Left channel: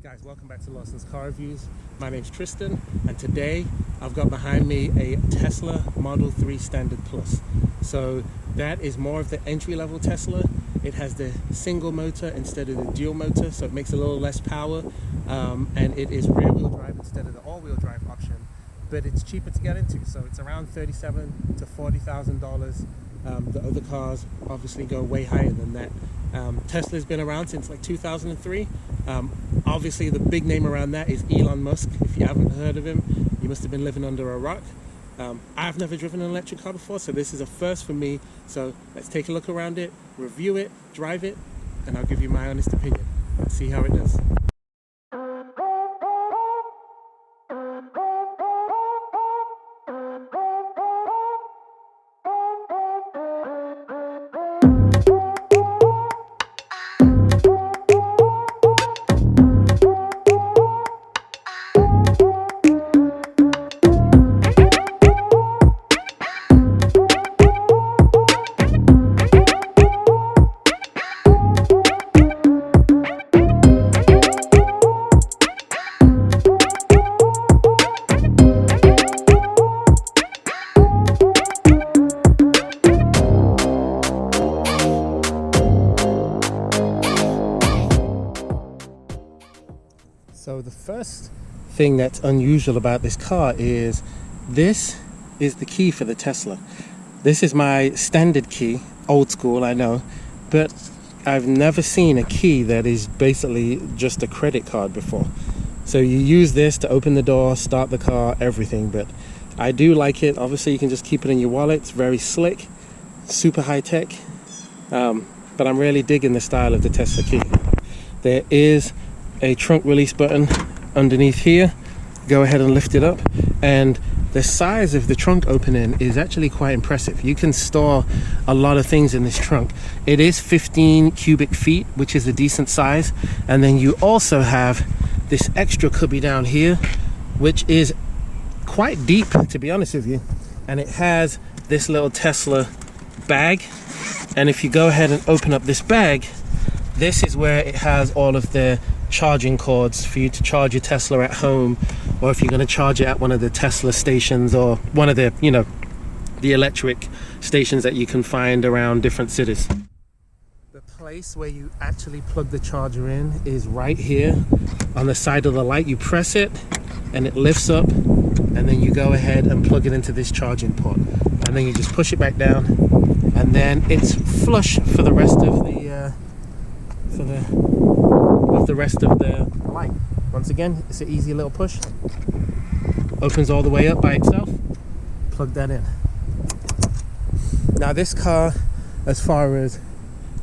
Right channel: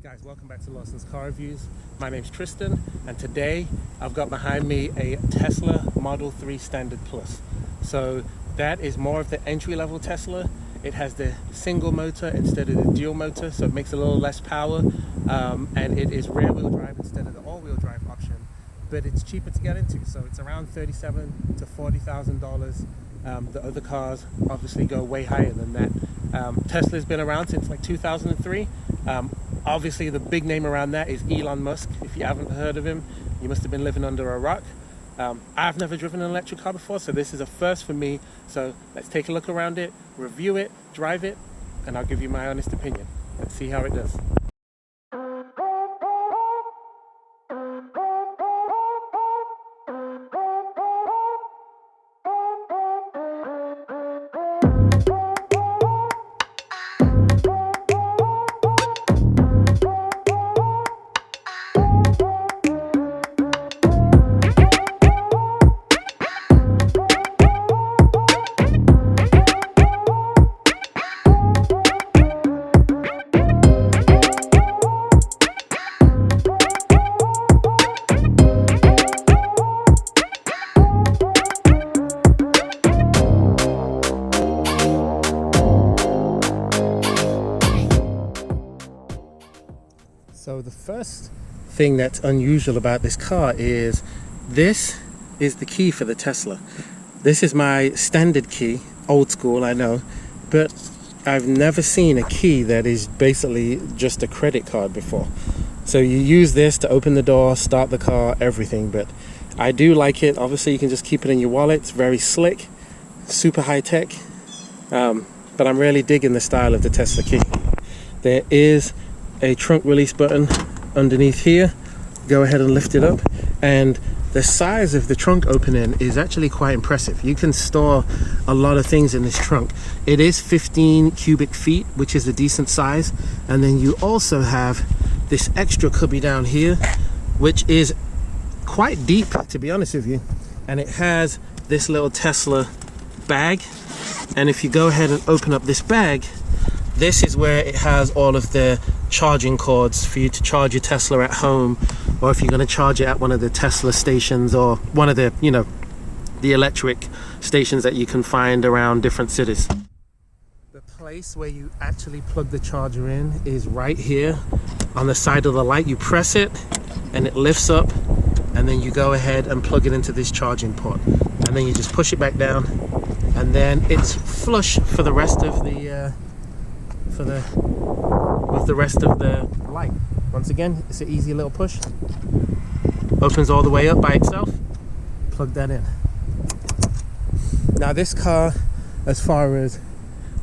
Guys, welcome back to Lawson's Car Reviews. My name's Tristan, and today I've got behind me a Tesla Model 3 Standard Plus. So that is more of the entry-level Tesla. It has the single motor instead of the dual motor, so it makes a little less power, and it is rear-wheel drive instead of the all-wheel drive option, but it's cheaper to get into, so it's around $37,000 to $40,000. The other cars obviously go way higher than that. Tesla's been around since like 2003. Obviously the big name around that is Elon Musk. If you haven't heard of him, you must have been living under a rock. I've never driven an electric car before, so this is a first for me. So let's take a look around it, review it, drive it, and I'll give you my honest opinion. Let's see how it does. So the first thing that's unusual about this car is this is the key for the Tesla. This is my standard key, old school, I know, but I've never seen a key that is basically just a credit card before. So you use this to open the door, start the car, everything, but I do like it. Obviously you can just keep it in your wallet. It's very slick, super high tech, but I'm really digging the style of the Tesla key. There is a trunk release button underneath here. Go ahead and lift it up, and the size of the trunk opening is actually quite impressive. You can store a lot of things in this trunk. It is 15 cubic feet, which is a decent size, and then you also have this extra cubby down here, which is quite deep, to be honest with you, and it has this little Tesla bag. And if you go ahead and open up this bag, this is where it has all of the charging cords for you to charge your Tesla at home, or if you're going to charge it at one of the Tesla stations, or one of the, the electric stations that you can find around different cities. The place where you actually plug the charger in is right here on the side of the light. You press it and it lifts up, and then you go ahead and plug it into this charging port, and then you just push it back down, and then it's flush for the rest of the rest of the light. Once again, it's an easy little push. Opens all the way up by itself. Plug that in. Now this car, as far as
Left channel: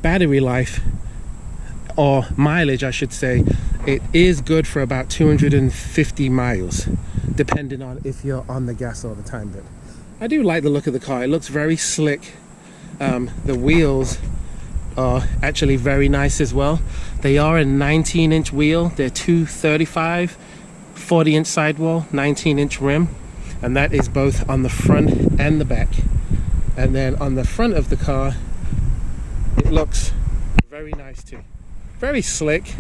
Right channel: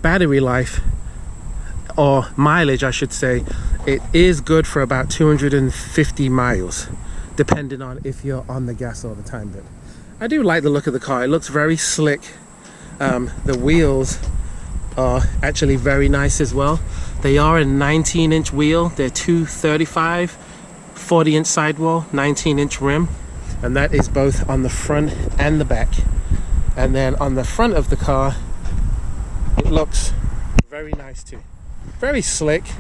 battery life, or mileage I should say, it is good for about 250 miles, depending on if you're on the gas all the time. But I do like the look of the car. It looks very slick. The wheels are actually very nice as well. They are a 19-inch wheel. They're 235, 40-inch sidewall, 19-inch rim, and that is both on the front and the back. And then on the front of the car, it looks very nice too. Very slick.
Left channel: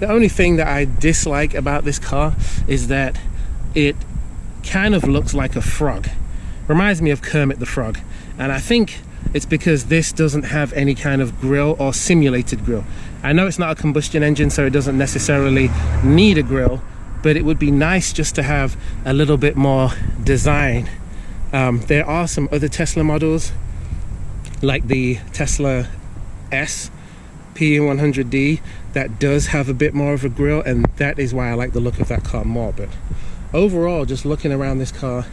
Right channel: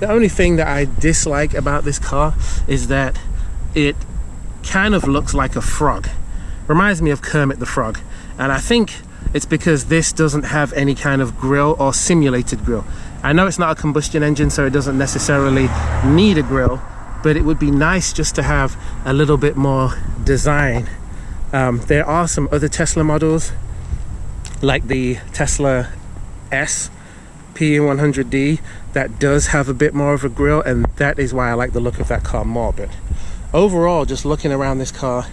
The only thing that I dislike about this car is that it kind of looks like a frog. Reminds me of Kermit the Frog, and I think it's because this doesn't have any kind of grille or simulated grille. I know it's not a combustion engine, so it doesn't necessarily need a grille, but it would be nice just to have a little bit more design. There are some other Tesla models, like the Tesla S P100D, that does have a bit more of a grille, and that is why I like the look of that car more. But overall, just looking around this car,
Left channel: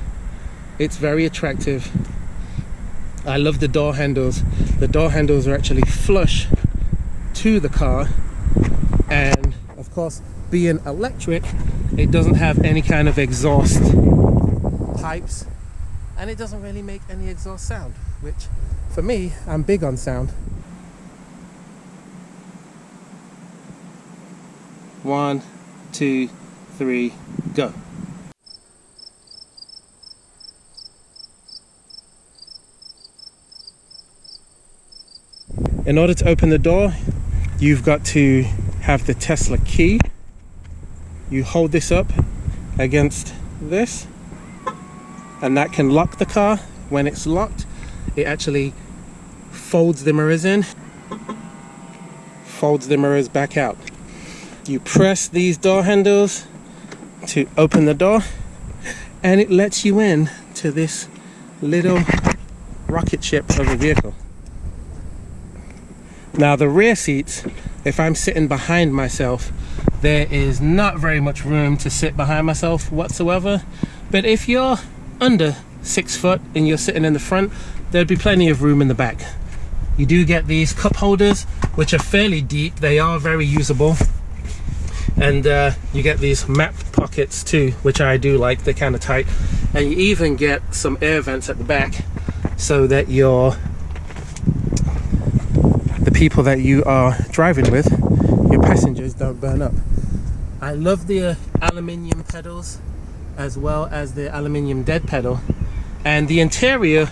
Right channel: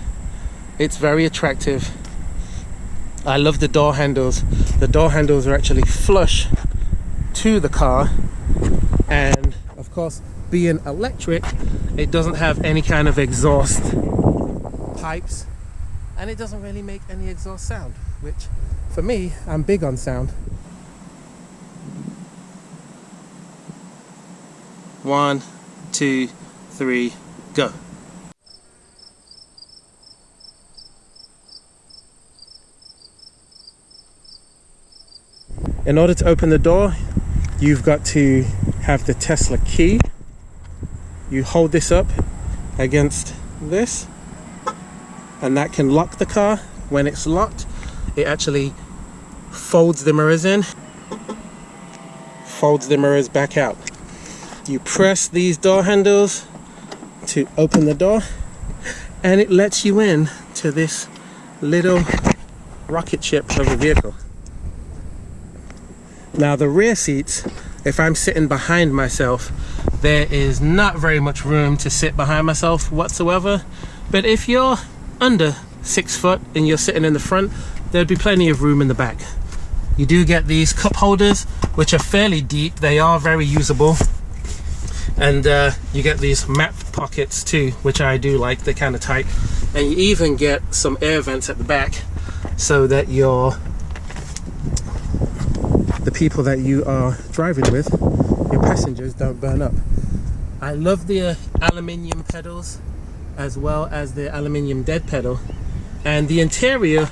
it's very attractive. I love the door handles. The door handles are actually flush to the car, and of course, being electric, it doesn't have any kind of exhaust pipes, and it doesn't really make any exhaust sound, which for me, I'm big on sound. 1, 2, 3, go. In order to open the door, you've got to have the Tesla key. you hold this up against this, and that can lock the car. When it's locked, it actually folds the mirrors in, folds the mirrors back out. You press these door handles to open the door, and it lets you in to this little rocket ship of a vehicle. Now the rear seats, if I'm sitting behind myself, there is not very much room to sit behind myself whatsoever, but if you're under 6 foot and you're sitting in the front, there'd be plenty of room in the back. You do get these cup holders, which are fairly deep. They are very usable, and you get these map pockets too, which I do like. They're kind of tight, and you even get some air vents at the back so that the people that you are driving with, your passengers, don't burn up. I love the aluminium pedals as well as the aluminium dead pedal. And the interior,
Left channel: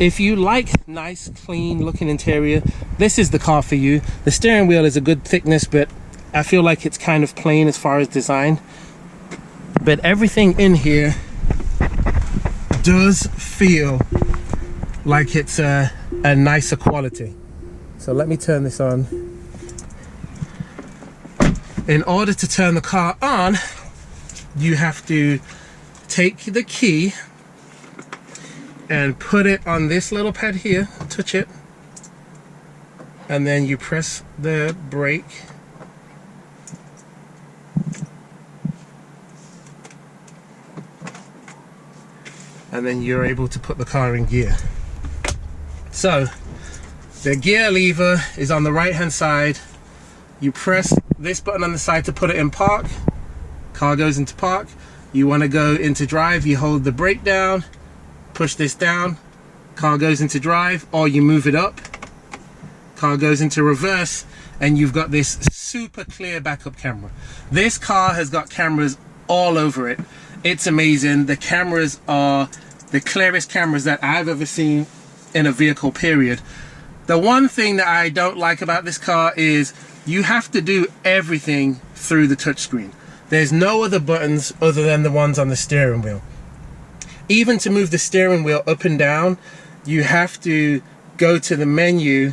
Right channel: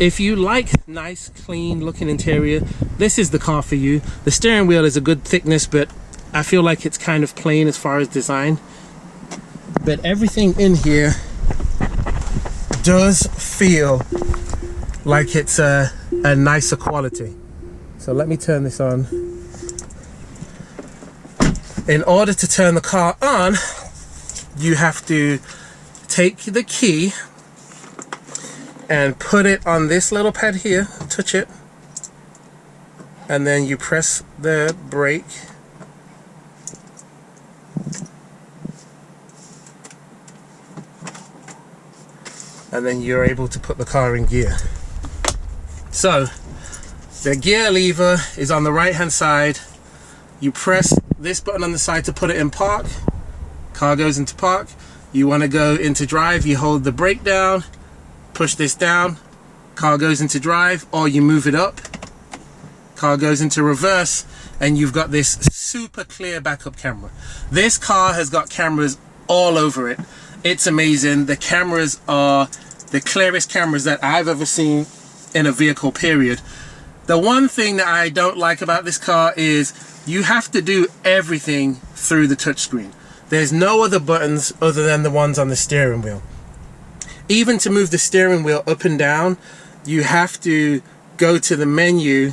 if you like nice, clean looking interior, this is the car for you. The steering wheel is a good thickness, but I feel like it's kind of plain as far as design. But everything in here does feel like it's a nicer quality. So let me turn this on. In order to turn the car on, you have to take the key and put it on this little pad here, touch it, and then you press the brake. And then you're able to put the car in gear. So the gear lever is on the right hand side. You press this button on the side to put it in park. Car goes into park. You want to go into drive, you hold the brake down, push this down, car goes into drive, or you move it up, car goes into reverse, and you've got this super clear backup camera. This car has got cameras all over it. It's amazing. The cameras are the clearest cameras that I've ever seen in a vehicle, period. The one thing that I don't like about this car is you have to do everything through the touchscreen. There's no other buttons other than the ones on the steering wheel. Even to move the steering wheel up and down, you have to go to the menu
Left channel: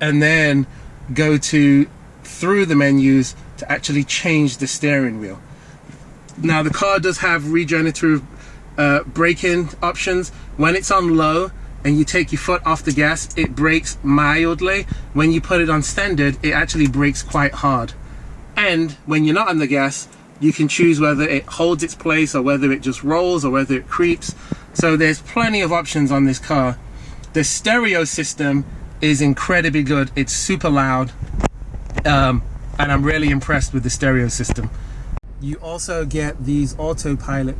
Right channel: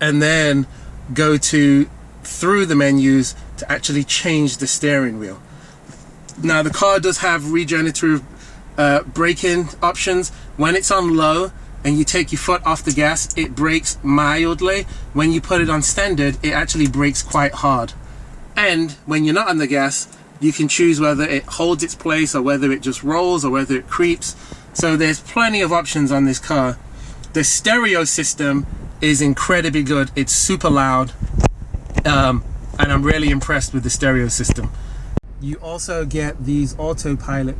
and then go through the menus to actually change the steering wheel. Now the car does have regenerative braking options. When it's on low and you take your foot off the gas, it brakes mildly. When you put it on standard, it actually brakes quite hard. And when you're not on the gas, you can choose whether it holds its place or whether it just rolls or whether it creeps. So there's plenty of options on this car. The stereo system is incredibly good. It's super loud, and I'm really impressed with the stereo system. You also get these autopilot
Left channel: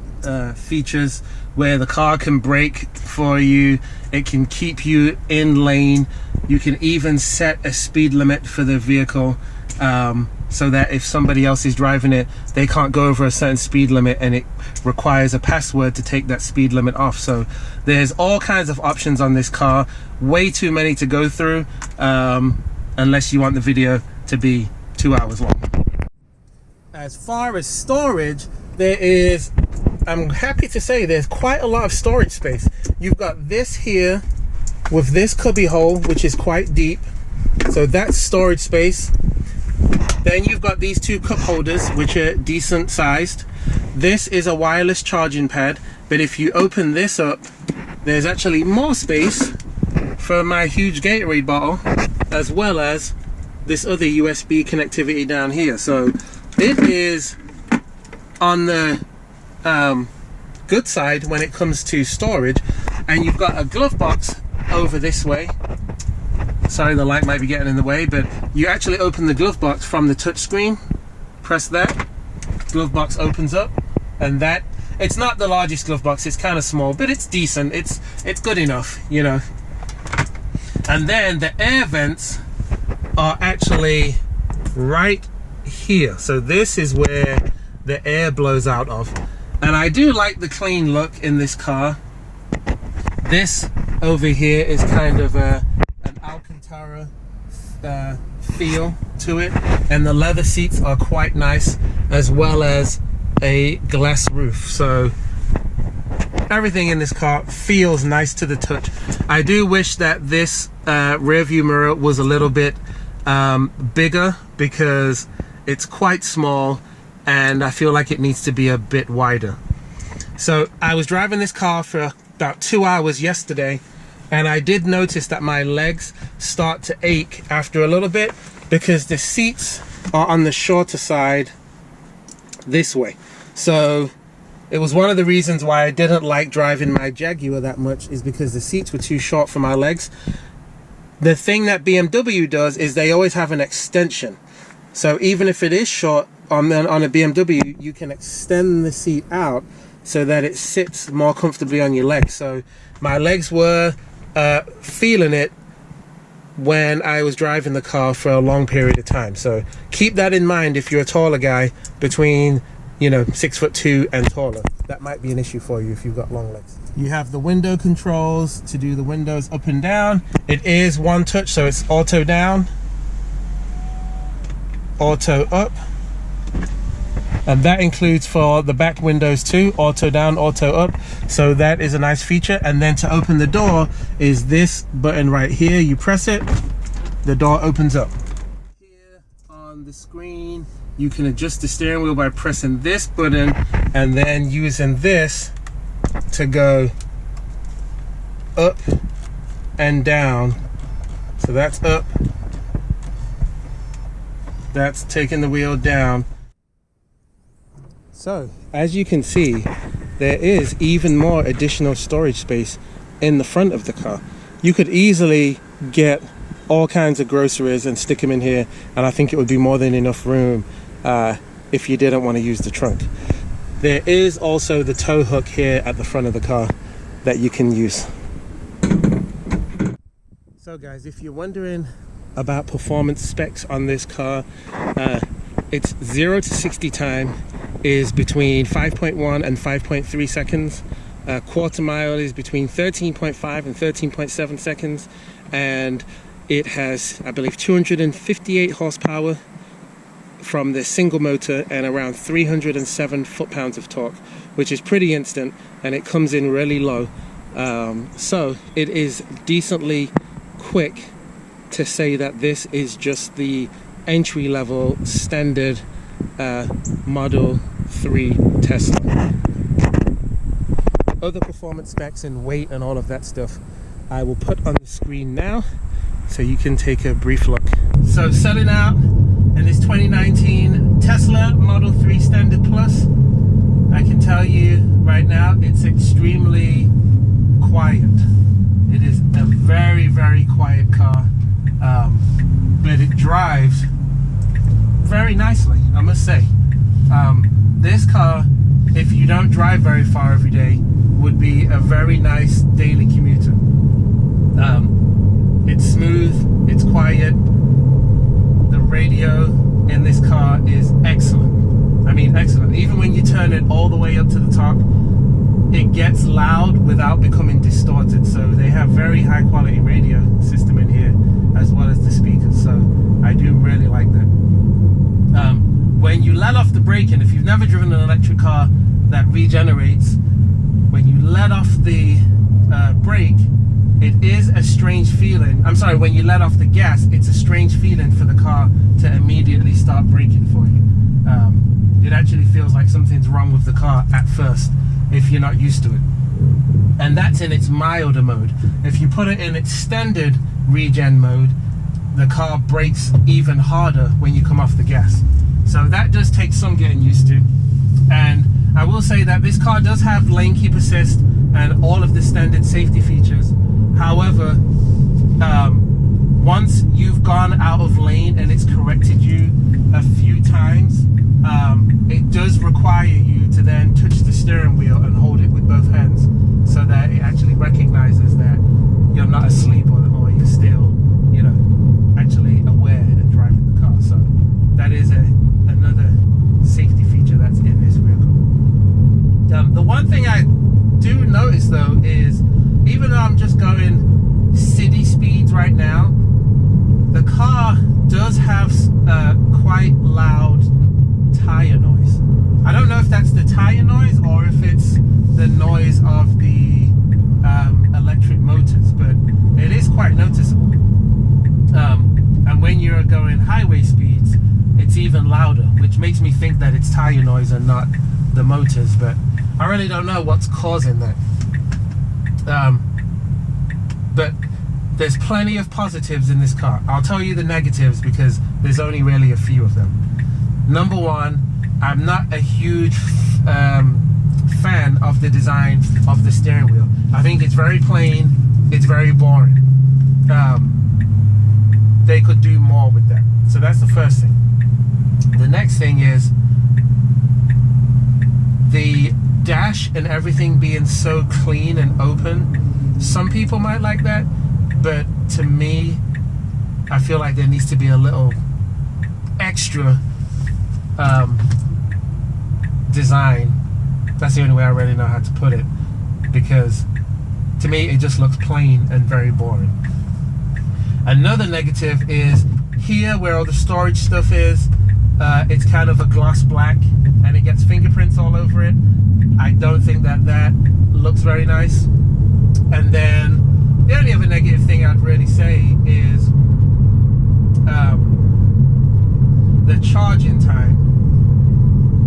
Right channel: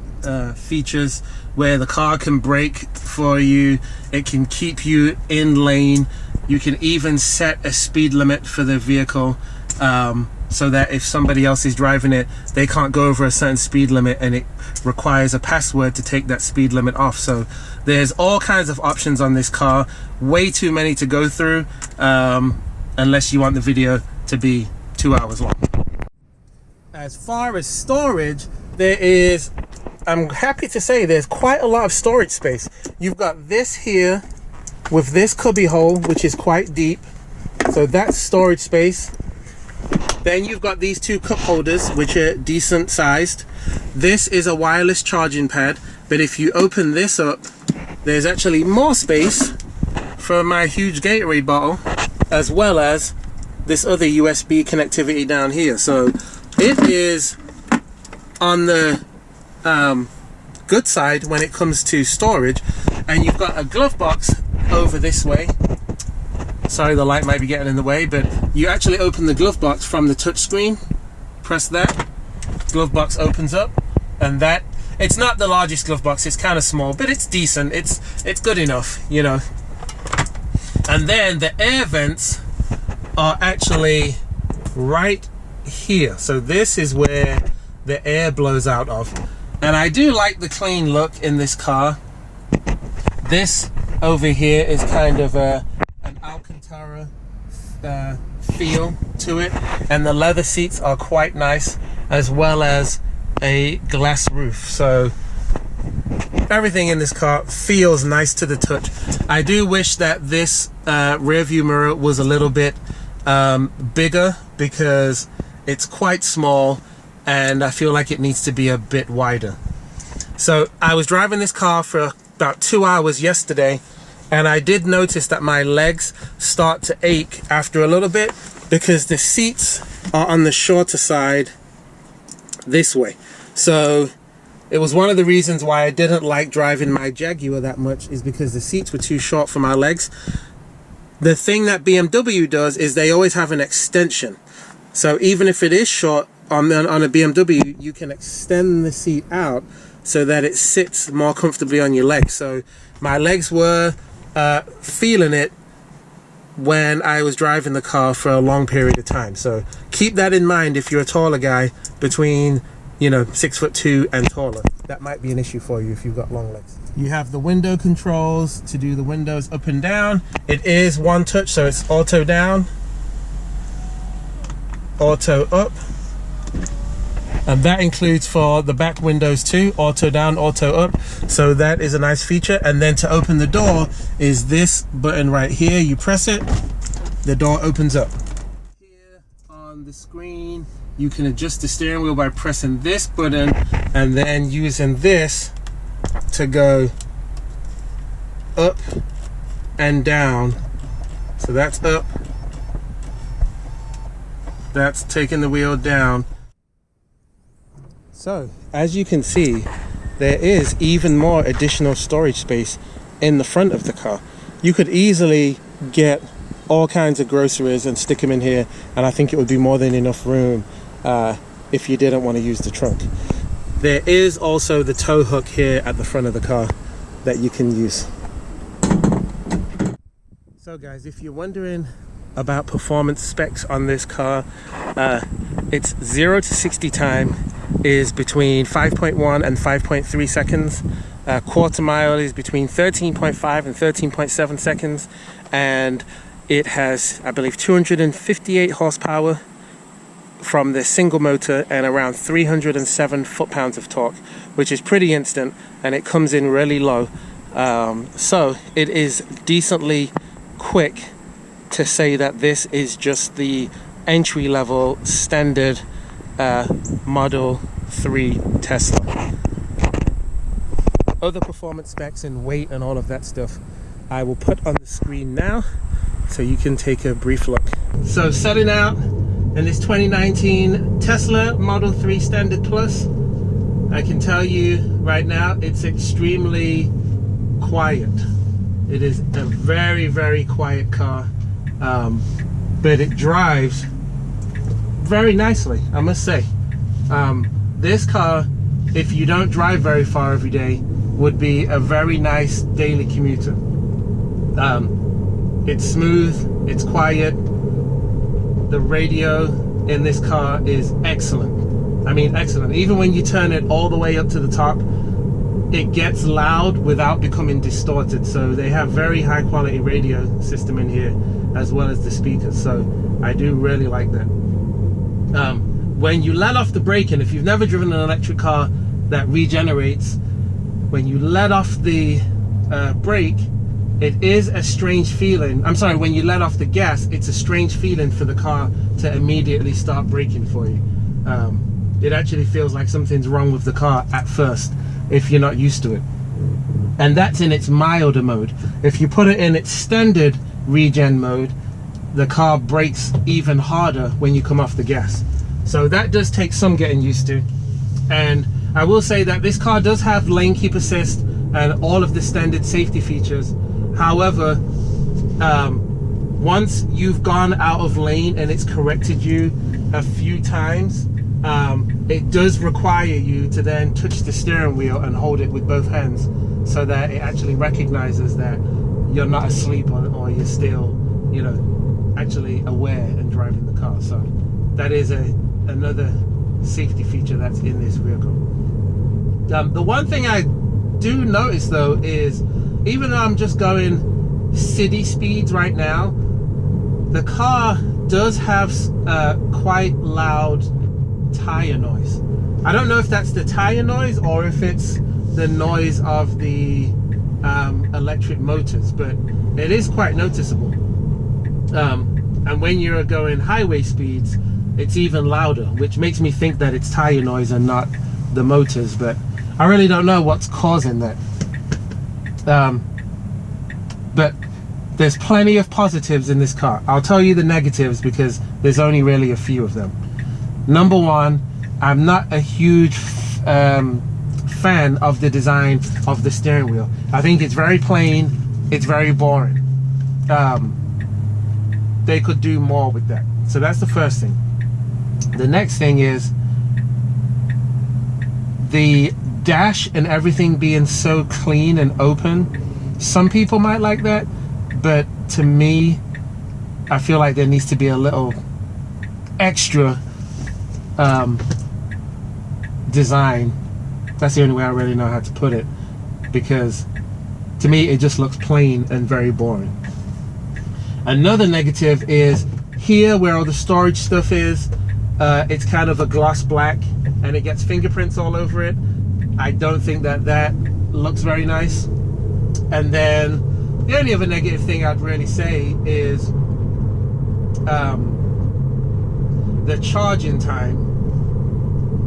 features where the car can brake for you. It can keep you in lane. You can even set a speed limit for the vehicle, so that if somebody else is driving it, they can't go over a certain speed limit, and it requires a password to take that speed limit off. So there's all kinds of options on this car. Way too many to go through, unless you want the video to be 2 hours long. As far as storage, I'm happy to say there's quite a lot of storage space. You've got this here with this cubby hole, which is quite deep, so that's storage space. Then you've got these two cup holders, which are decent sized. This is a wireless charging pad, but if you open this up, there's actually more space for my huge Gatorade bottle, as well as this other USB connectivity down here. So it is on the good side when it comes to storage. And you've got a glove box over this way. Sorry, the light might be getting in the way, but you actually open the glove box from the touch screen. Press that, glove box opens up, and that, it's not the largest glove box, it's kind of small, but it's decent, it's good enough, you know. And then the air vents are actually right here. So this is where the air blows out of. And I do like the clean look in this car. This over here is kind of an Alcantara feel to it, and the leather seats are quite nice, as well as a glass roof. So everything in this car feels nice to the touch. I do wish that this rear view mirror was a little bit bigger, because it's quite small and I feel like it needs to be a bit wider. So I was driving this car for about 2 hours yesterday, and I did notice that my legs start to ache after a little bit, because the seats are on the shorter side this way. So it was one of the reasons why I didn't like driving my Jaguar that much, is because the seats were too short for my legs. The thing that BMW does is they always have an extension. So even if it is short on a BMW, you can extend the seat out so that it sits more comfortably on your legs. So my legs were feeling it when I was driving the car for a long period of time. So keep that in mind if you're a taller guy, between 6'2" and taller. That might be an issue for you if you've got long legs. You have the window controls to do the windows up and down. It is one touch, so it's auto down, auto up, and that includes for the back windows too, auto down, auto up. So that is a nice feature. And then to open the door is this button right here. You press it, the door opens up. Here on the screen, you can adjust the steering wheel by pressing this button and then using this to go up and down. So that's up, that's taking the wheel down. So as you can see, there is even more additional storage space in the front of the car. You could easily get all kinds of groceries and stick them in here, and I think it would be more than enough room if you didn't want to use the trunk. There is also the tow hook here at the front of the car that you can use. So guys, if you're wondering about performance specs on this car, its 0 to 60 time is between 5.1 and 5.3 seconds. Quarter mile is between 13.5 and 13.7 seconds, and it has, I believe, 258 horsepower from the single motor and around 307 foot-pounds of torque, which is pretty instant, and it comes in really low. So it is decently quick to say that this is just the entry-level standard Model 3 Tesla. Other performance specs and weight and all of that stuff I will put on the screen now, so you can take a brief look. So setting out in this 2019 Tesla Model 3 Standard Plus, I can tell you right now it's extremely quiet. It is a very, very quiet car, but it drives very nicely, I must say. This car, if you don't drive very far every day, would be a very nice daily commuter. It's smooth, it's quiet. The radio in this car is excellent. I mean, excellent. Even when you turn it all the way up to the top, it gets loud without becoming distorted. So they have very high quality radio system in here, as well as the speakers. So I do really like that. When you let off the brake, and if you've never driven an electric car that regenerates, when you let off the brake, it is a strange feeling. I'm sorry, when you let off the gas, it's a strange feeling for the car to immediately start braking for you. It actually feels like something's wrong with the car at first, if you're not used to it. And that's in its milder mode. If you put it in its standard regen mode, the car brakes even harder when you come off the gas. So that does take some getting used to. And I will say that this car does have lane keep assist and all of the standard safety features. However, once you've gone out of lane and it's corrected you a few times, it does require you to then touch the steering wheel and hold it with both hands, so that it actually recognizes that you're not asleep or you're still, actually aware and driving the car. So that is another safety feature that's in this vehicle. The one thing I do notice though is, even though I'm just going city speeds right now, the car it does have quite loud tire noise. I don't know if that's the tire noise or if it's the noise of the electric motors, but it is quite noticeable. And when you're going highway speeds, it's even louder, which makes me think that it's tire noise and not the motors, but I really don't know what's causing that. But there's plenty of positives in this car. I'll tell you the negatives because there's only really a few of them. Number one, I'm not a huge fan of the design of the steering wheel. I think it's very plain, it's very boring. They could do more with that. So that's the first thing. The next thing is the dash and everything being so clean and open. Some people might like that, but to me, I feel like there needs to be a little extra design. That's the only way I really know how to put it, because to me it just looks plain and very boring. Another negative is here where all the storage stuff is, it's kind of a gloss black and it gets fingerprints all over it. I don't think that looks very nice. And then the only other negative thing I'd really say is the charging time.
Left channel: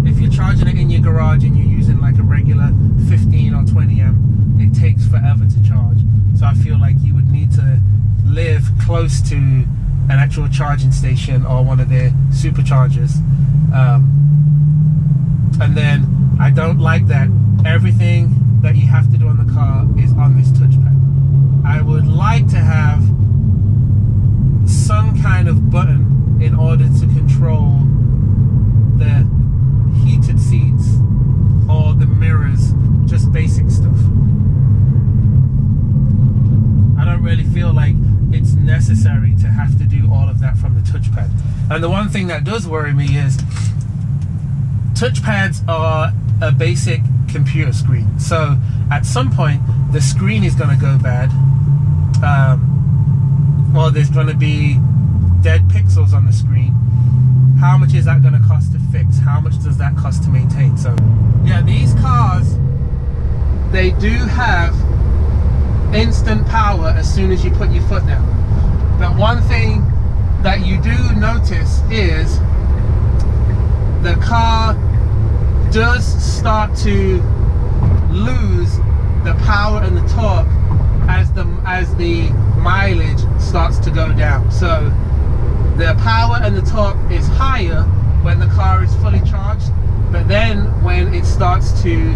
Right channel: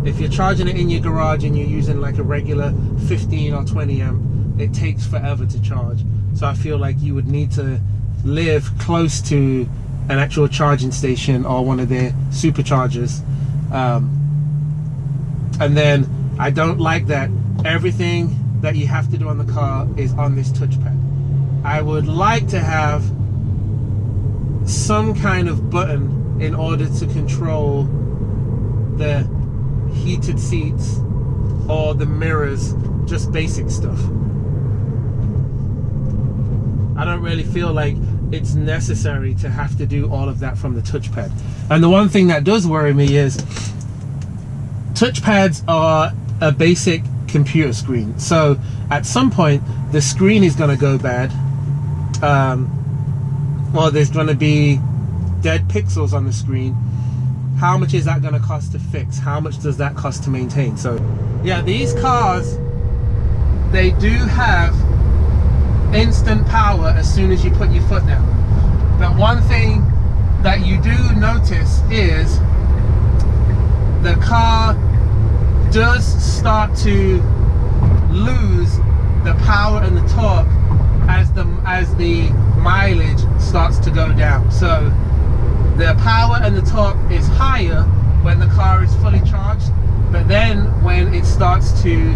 If you're charging it in your garage and you're using like a regular 15 or 20 amp, it takes forever to charge. So I feel like you would need to live close to an actual charging station or one of their superchargers. And then I don't like that everything that you have to do on the car is on this touchpad. I would like to have some kind of button in order to control the heated seats or the mirrors, just basic stuff. I don't really feel like it's necessary to have to do all of that from the touchpad. And the one thing that does worry me is touchpads are a basic computer screen, so at some point the screen is going to go bad, or there's going to be dead pixels on the screen. How much is that going to cost to fix? How much does that cost to maintain? So yeah, these cars, they do have instant power as soon as you put your foot down. But one thing that you do notice is the car does start to lose the power and the torque as the mileage starts to go down. So the power and the torque is higher when the car is fully charged, but then when it starts to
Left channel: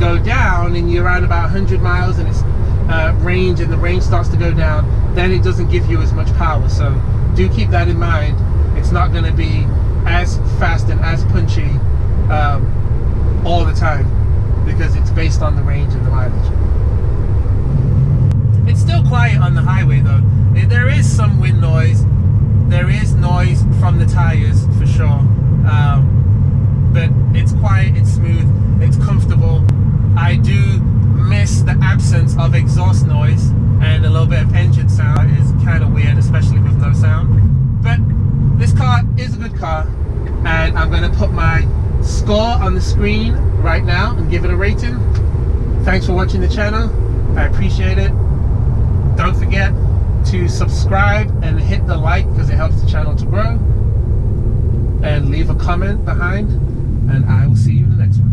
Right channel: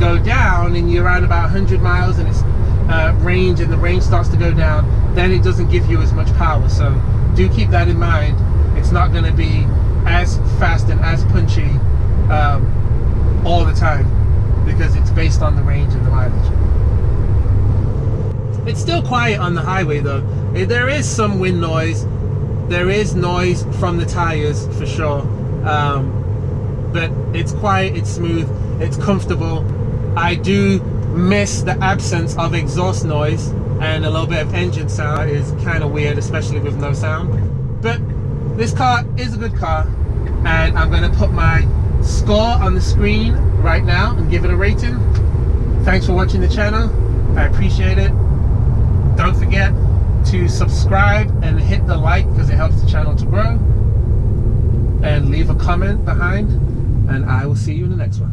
go down and you're around about 100 miles and it's range, and the range starts to go down, then it doesn't give you as much power. So do keep that in mind. It's not going to be as fast and as punchy all the time, because it's based on the range and the mileage. It's still quiet on the highway though. There is some wind noise, there is noise from the tires for sure, but it's quiet, it's smooth, it's comfortable. I do miss the absence of exhaust noise, and a little bit of engine sound is kind of weird, especially with no sound. But this car is a good car, and I'm going to put my score on the screen right now and give it a rating. Thanks for watching the channel, I appreciate it. Don't forget to subscribe and hit the like, because it helps the channel to grow, and leave a comment behind, and I will see you in the next one.